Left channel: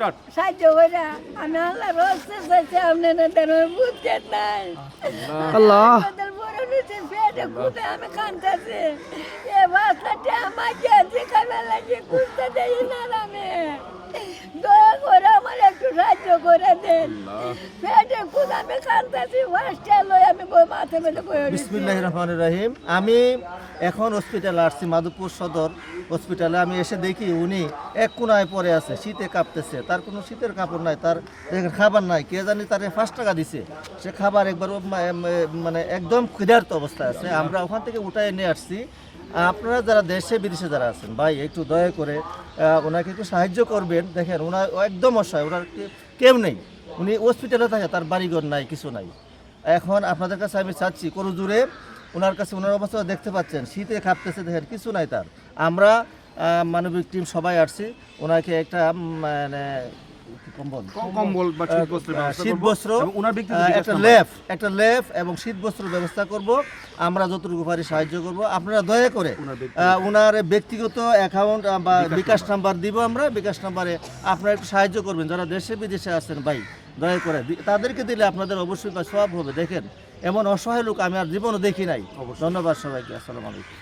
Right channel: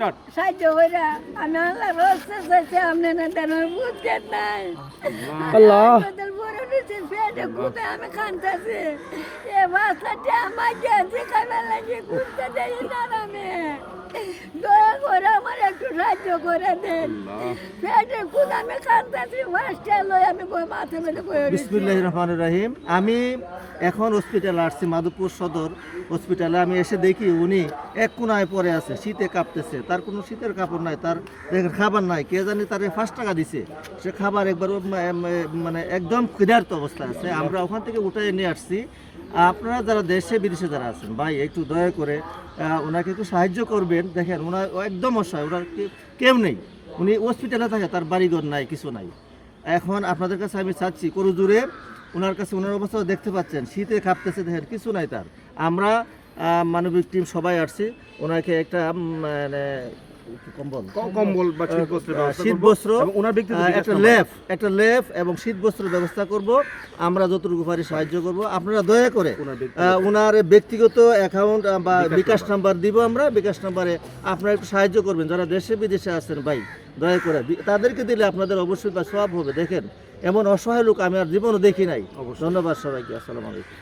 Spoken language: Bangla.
স্টার্ট। সাহায্য কইরা আমি আল্লাহর রাস্তা চাইছি আপনারা দেন বুঝছেন নাই আল্লাহ। আমাদের বড় নিচে পেটে কুদে আমি কান্তাছি এ বাচ্চাটা আমার গেছে খাবার লাগে কুদতে দেই না আমি দয়া করে আমার একটু সাহায্য করে দেন পেটে কুদে আমি কান্তাছি বাচ্চা লই আমি বই মাথা মেলে বই বিসমিল্লাহির রহমানির রহিম। আমি এখন হসপিটালে আসছি, মাধবপুর সদর হসপিটালে। আমি এসে দেখি উনি এক কোনায় পড়ে আছে, শীতে কাঁপতেছে, তার কোনো শীতের কাপড় নাই, তার দেখেন খাবার নাই। কে জানি তারে 5 টাকা দিছে, সে খাবার একবার মানে একদম ক্ষুধার্ত অবস্থায় আছে। আমরা ওখান থেকে উঠায় নিয়ে আসছি। আপনারা যারা দেশে বিদেশে যারা আছেন ভাই, একটু দয়া করে ওনাকে একটু সাহায্য করবেন। দেখেন ওনার একদম অসহায়, ওনার কেউ নেই, উনি হসপিটালে থাকে, তার বাড়িঘর নাই, কিছু নাই। এখন আপনাদের কাছে আমি চাচ্ছি করু দূরে ওনার কাছে, ওনার অবস্থা দেখতে পাচ্ছেন, শীতে কাঁপতেছে, দেখেন কিছু নাই তার। আমরা মানবিক টিম সবাই আসছি, ওনাকে একটা মানে কম্বল কম্বল বা শীতবস্ত্রের ব্যবস্থা শীত করব বস্ত্র, এবং ওনার ব্যক্তিগত বিকাশ একটা লেফ এবং শীত বস্ত্রের ব্যবস্থা করব। আমরা যতটুকু পারি সাহায্য করব। আপনারা দয়া করে ওনার ব্যক্তিগত অ্যাকাউন্ট বা বিকাশ নাম্বার দিব, আমরা বিকাশ নাম্বারে আপনারা একটু সাহায্য করবেন। যারা দেশে বিদেশে আছেন ভাই, দয়া করে তাদেরকে দিলে আপনাদের অবশ্যই তা সওয়াব হবে। দেখেন এমন অসহায় লোক আমি আর জীবনও দেখি নাই। ধন্যবাদ সবাইকে, আসসালামু আলাইকুম।